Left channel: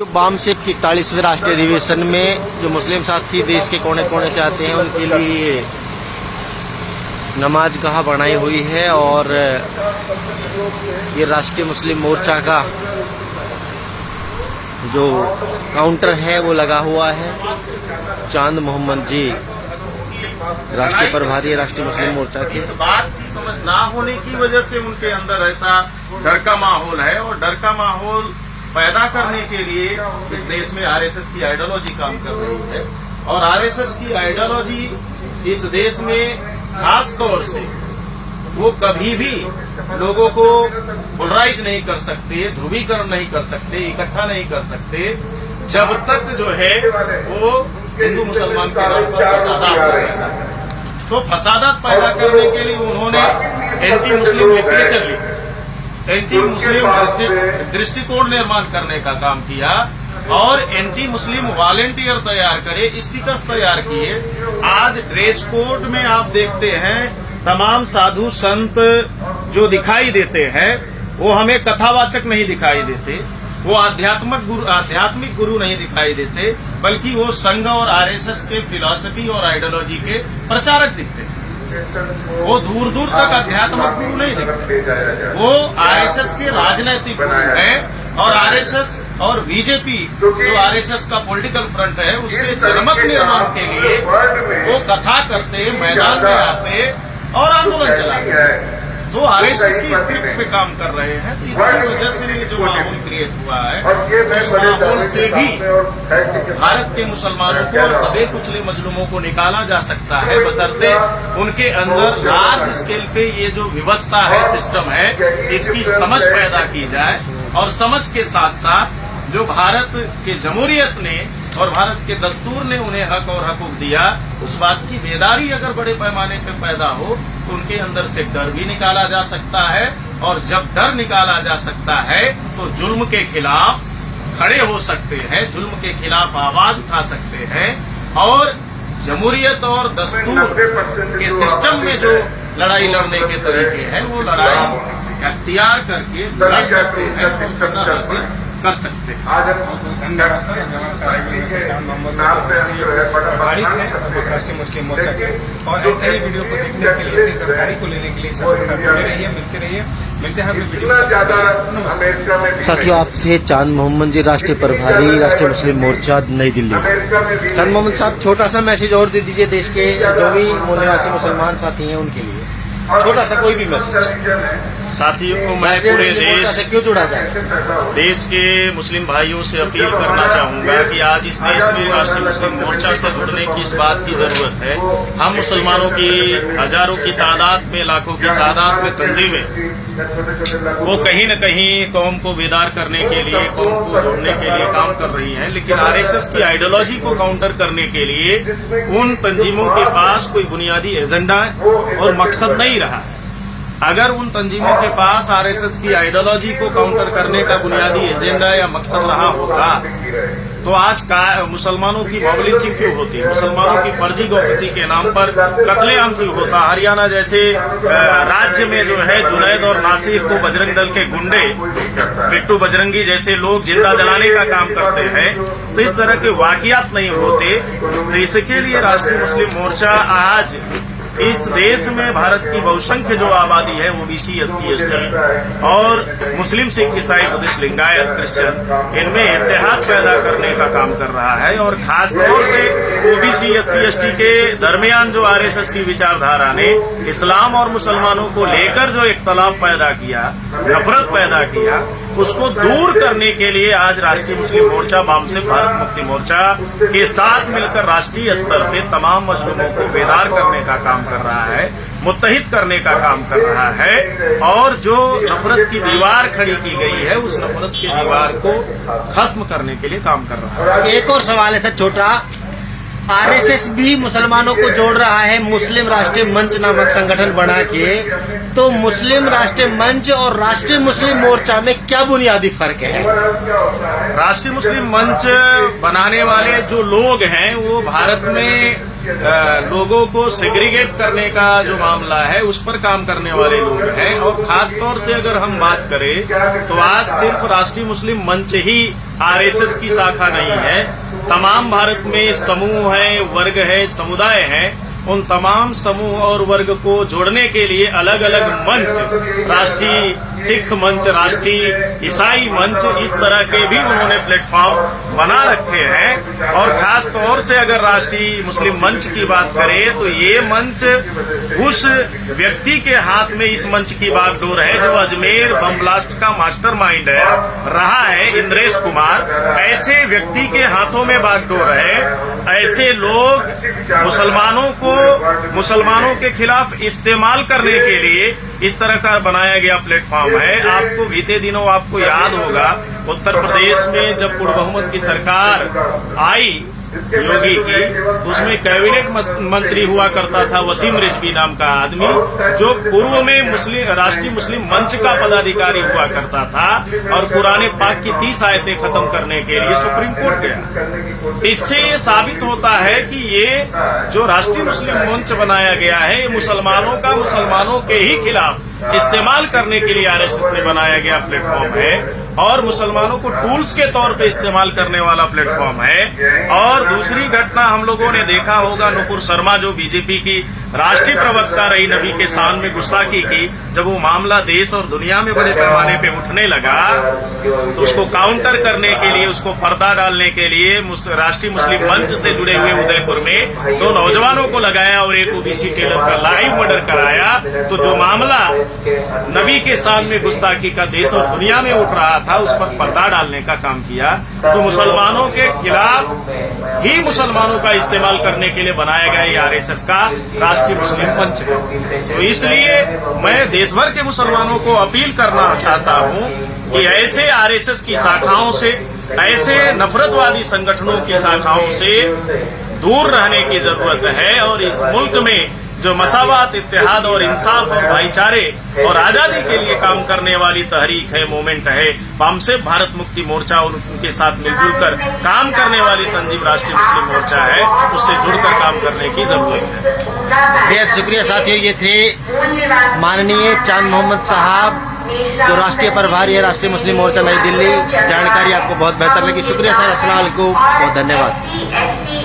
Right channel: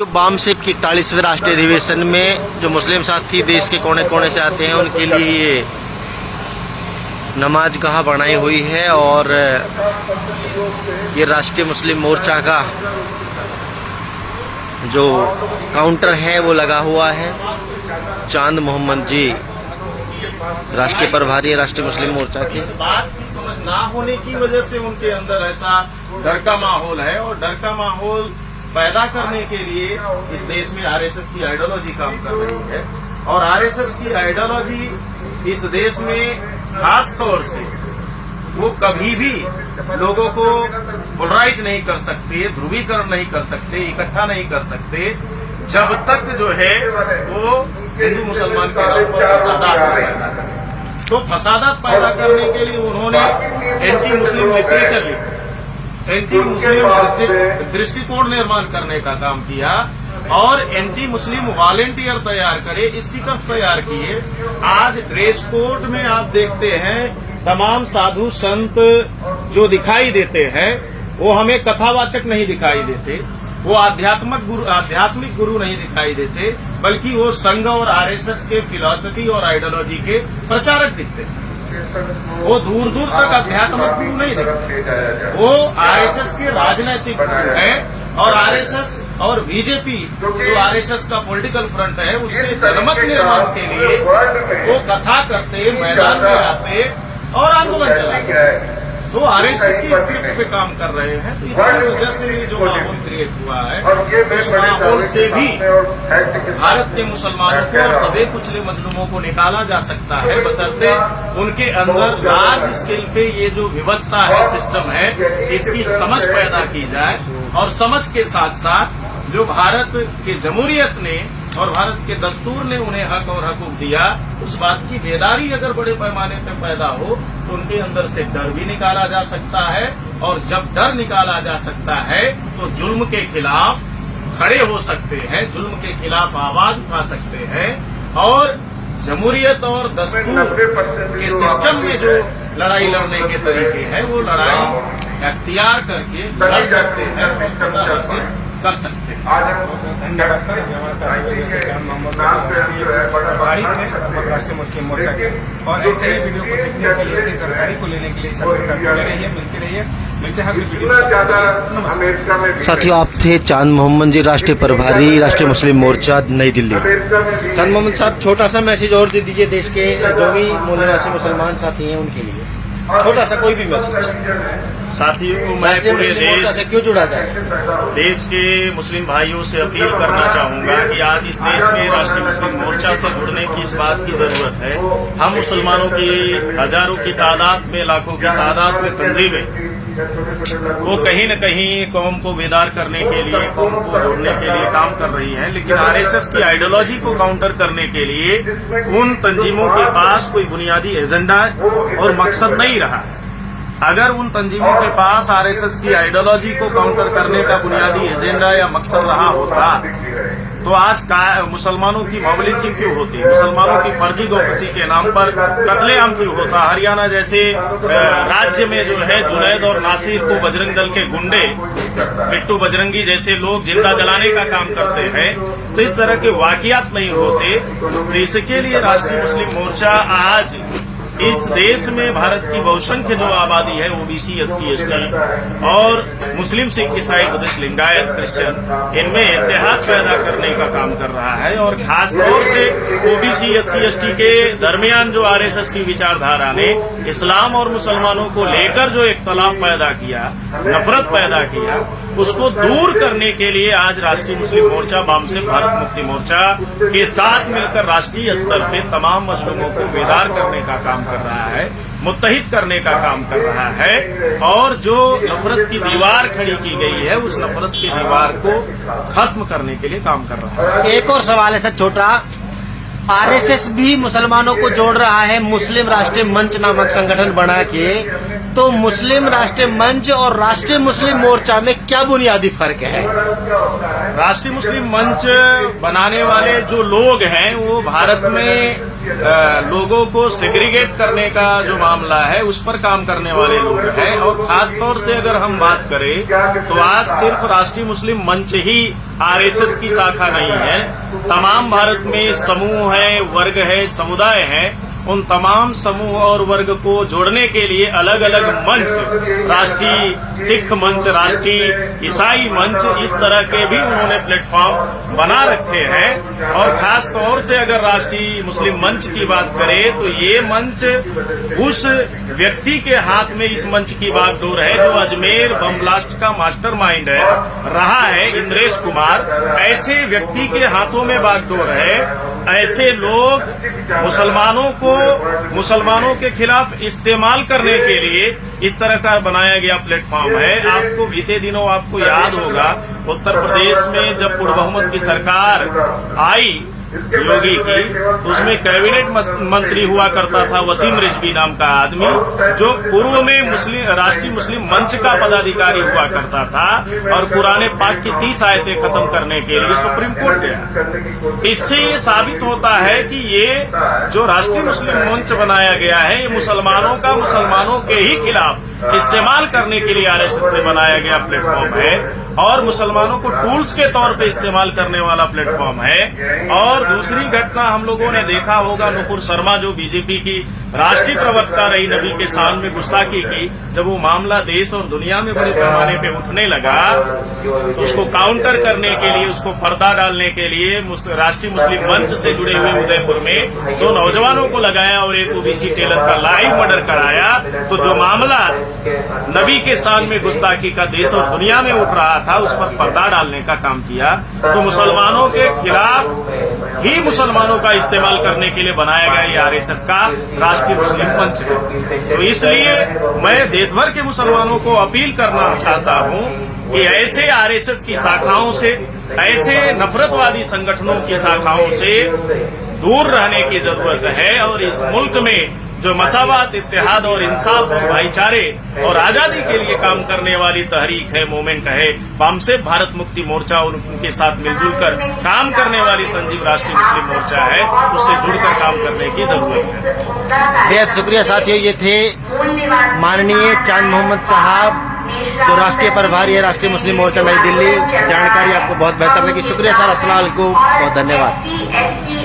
जो बामसेप की 41वें राष्ट्रीय अधिवेशन में जो मुस्लिम साथी देश के कोने कोने से आते हैं उनके लिए ये नमाज गाह बनाई हुई है और ये राष्ट्रीय मुस्लिम मोर्चा का जो काउंटर है वो लगा हुआ है। चांद मोहम्मद जी राष्ट्रीय प्रभारी राष्ट्रीय मुस्लिम मोर्चा के। इस बात की समझ ना होने की वजह से उनके अंदर ऐसा डर का माहौल है और डर का माहौल पैदा करने के लिए इस देश में आरएसएस की आइडियोलॉजी काम कर रही है और आरएसएस की आइडियोलॉजी इस देश में खास तौर से वो कभी भी लोगों को पोलराइज नहीं कर सकते, ध्रुवीकरण नहीं कर सकते, इकट्ठा नहीं कर सकते जब तक जो है वो हिंदू मुसलमान के नाम पर फसादात पैदा करें। तो फसादात पैदा करने के लिए उन्होंने एंटी मुस्लिम लिटरेचर लिखा, एंटी मुस्लिम दृष्टिकोण निर्माण करने का काम किया और एंटी मुस्लिम वॉलेंटियर तैयार करे, स्पीकर्स तैयार किए। आज ड्रेस कोड में आप देखते हैं तमाम साधु संत जो दिखाई देते हैं वो हमें कथावाचक नहीं दिखाई देते, वो आध्यात्मिक गुरु नहीं दिखाई देते, बल्कि वो संघ और आरएसएस के फिलॉसफी और आइडियोलॉजी के प्रचारक दिखते हैं। वो दूर दूर तक आध्यात्मिक गुरु नहीं दिखते, वो आरएसएस के राजनैतिक गुरु हैं और आरएसएस और बीजेपी जो आरएसएस का पॉलिटिकल फ्रंट है उसके जनमत निर्माण के लिए वो कथा करते, मैदान में आते और आंदोलन चलाते। तो आरएसएस की स्क्रिप्ट पे काम कर रहे हैं। तो इसकी वजह से ये जो माहौल क्रिएट हुआ है उस माहौल से भी भारत के मुसलमानों को और दबे कुचले मजलूमों को निकाला जा सकता है, बशर्ते उनके अंदर लार्ज स्केल पे ये जो व्यवस्था है, सिस्टम है, इसकी समझ पैदा की जाए और समझ के साथ साथ जो भारत के जमहूरियत ने और भारत के दस्तूर ने उन्हें हक और हकूक दिया, उस बात की बेदारी अगर बड़े पैमाने पर पैदा हो तो उनके अंदर से डर भी निकाला जा सकता है और जब डर निकाला जा सकता है तो जुल्म के खिलाफ खड़े हो सकते हैं, जुल्म के खिलाफ आवाज उठा सकते हैं और जमहूरियत और दस्तूर के सिस्टम में जो लड़ाई लड़ने के तरीके हैं वो लड़ाई अख्तियार करके लड़ सकते हैं, कर सकते हैं। आज हम राष्ट्रीय मुस्लिम मोर्चा के और ऐसे ही वीडियो को देखने के लिए, ऐसे सरकारी को लेने के लिए मिलते रहिए, मिलते हैं साथियों। आप थे चांद मोहम्मद जी राष्ट्रीय प्रभारी राष्ट्रीय मुस्लिम मोर्चा नई दिल्ली। चांद मोहम्मद साहब, छोटा सा मैसेज और दे दीजिए देश के जो भी मूल निवासी मुसलमान साथी हैं उनके लिए, छोटा सा कोई भी मैसेज। साथियों, मैं पूरे देश से क्यों जुड़ा जाए, देश के मुस्लिम भाइयों से अपील करना चाहूंगा कि आज इस देश में राष्ट्रीय मुस्लिम मोर्चा से जुड़ने की इस बात की जरूरत है। हम मुसलमानों की हजारों की तादाद में, लाखों की तादाद में तंजीमें वो कहीं न कहीं कौम को बेदार करने के लिए, कौम को जोड़ने के लिए काम कर रही है, लेकिन आरएसएस की आइडियोलॉजी को काउंटर करने के लिए उन तंजीमों के पास कोई बुनियादी एजेंडा और मकसद नहीं रहा। अगर उन तंजीमों के पास आरएसएस की आइडियोलॉजी को काउंटर करने का बुनियादी एजेंडा या मकसद रहा होता तो आज मुसलमानों की मॉब लिंचिंग क्यों होती, मुसलमानों की फर्जी गौकसी के नाम पर कत्लेआम क्यों होता। हरियाणा जैसे राज्य में जो है जुनैद और नासिर को बजरंग दल के गुंडे, बिट्टू बजरंगी जैसे लोग जिंदा जलाने का काम करते हैं, तो इस तरह के वाकयात नहीं होते। तो इसके लिए राष्ट्रीय मुस्लिम मोर्चा आज इस देश में भारत की बहुसंख्य जो आबादी है, ओबीसी, एससी, एसटी और मुस्लिम, सिख, ईसाई, बुद्धिस्ट, लिंगायत, क्रिश्चियन, इनमें इत्तेहाद पैदा करने का काम कर रहा है और खास तौर से ओबीसी, एससी, एसटी के दरमियान जो आरएसएस की विचारधारा ने इस्लाम और मुसलमानों को लेकर जो इख्तलाफ पैदा किया, नफरत पैदा किया, उसको दूर करने के लिए आज राष्ट्रीय मुस्लिम मोर्चा बामसेप भारत मुक्ति मोर्चा के साथ मिलकर राष्ट्रीय स्तर पे तमाम मजलूमों को बेदार करने का काम कर रहा है, मुत्तहिद करने का काम कर रहा है और जो नफरत की दीवार खड़ी की गई है उस नफरत की दीवार को खत्म करने के लिए काम कर रहा है। एक और सवाल है सर छोटा, आरएसएस भी मुसलमानों को जोड़ रहा है मुस्लिम राष्ट्रीय मंच नामक संगठन बना के, तो मुस्लिम राष्ट्रीय मंच और राष्ट्रीय मुस्लिम मोर्चा में क्या बुनियादी फर्क है? राष्ट्रीय मुस्लिम मंच बनाने वाले जो लोग हैं वो भारत में लोगों को सेग्रीगेट करने का जो मामला है उस पर काम करने वाले लोग हैं। और खास तौर से अगर हम बात करें तो आज सिर्फ राष्ट्रीय मुस्लिम मंच ही आरएसएस की शाखा नहीं है। तमाम भारत में समूह है, वर्ग है, समुदाय है, उन तमाम समूह और वर्ग को जोड़ने के लिए अलग अलग मंच, राष्ट्रीय सिख मंच, राष्ट्रीय ईसाई मंच, इस तरह के भी उन्होंने प्लेटफॉर्म बना रखे हैं। और खास तौर से अगर राष्ट्रीय मुस्लिम मंच की बात करें तो ये मंच उस व्यक्ति के हाथ में इस मंच की बागडोर है जो अजमेर बम ब्लास्ट का मास्टरमाइंड है, रहा है, इंद्रेश कुमार। ऐसे व्यक्ति के हाथों में बागडोर है। ऐसे लोग मुसलमानों के खिलाफ इस्तेमाल करने के लिए इस तरह का बनाया गया प्लेटफॉर्म है। आपको बीते दिनों आपको याद होगा उत्तर प्रदेश में जब पूर्ण बहुमत की सरकार आई योगी की, तो उसमें कैबिनेट मंत्री हुआ करता था वसीम रिजवी नाम का आदमी, जो पूर्व में राष्ट्रीय मुस्लिम मंच का पदाधिकारी हुआ करता था और पुराने पाक की 30 आयतें खत्म करने के लिए सुप्रीम कोर्ट गया। इससे ये साबित होता है कि ये जो राष्ट्रीय मुस्लिम मंच बनाया गया है ये मुसलमानों के ही खिलाफ इस्तेमाल करने के लिए आरएसएस ने बनाया गया प्लेटफॉर्म है और मुसलमानों को टूल्स के तौर पे इस्तेमाल करने वाला प्लेटफॉर्म है। और दूसरी घटना हम लोगों ने देखा होगा, नुपुर शर्मा जो बीजेपी की राष्ट्रीय प्रवक्ता रही, नबी के शान में गुस्ताखी की, जब वो मामला देश और दुनिया में बड़े पैमाने पे उठने लगा तो उसको काउंटर करने के लिए, उसको पर्दा डालने के लिए राष्ट्रीय मुस्लिम मंच से जुड़े हुए उदयपुर में 2 नौजवानों को लगाया और एक ओबीसी टेलर का लाइव मर्डर कराया। तो जो मामला नबी के शान में गुस्ताखी का देश और दुनिया में उठ रहा था उस पर पर्दा डालने का काम किया। तो मुसलमानों के खिलाफ ही मुसलमानों का इस्तेमाल करने के लिए बनाया गया ये आरएसएस का राष्ट्रीय मुस्लिम मंच है। तो इसलिए मैं देश भर के मुसलमानों को अपील करना चाहता हूं कि ऐसे आरएसएस की शाखाओं से, ऐसे नफरतवादी संगठनों की शाखाओं से दूर रहने की जरूरत है। और इस मुल्क में जो मसावत, इत्तेहाद और इंसाफ और भाईचारे और आजादी के लिए काम करने वाली तहरीक है, मूवमेंट है, बामसेफ भारत मुक्ति मोर्चा और उनके साथ मिलजुल कर काम करने वाली तंजीम राष्ट्रीय मुस्लिम मोर्चा है, उससे जुड़कर काम करने की जरूरत है। बेहद शुक्रिया साथियों, ये थे माननीय चांद मोहम्मद साहब जो राष्ट्रीय प्रभारी है राष्ट्रीय मुस्लिम मोर्चा नई दिल्ली। जानकारी आपको बहुत बेहतर लगी, शुक्रिया सर, अस्सलाम वालेकुम, बहुत धन्यवाद।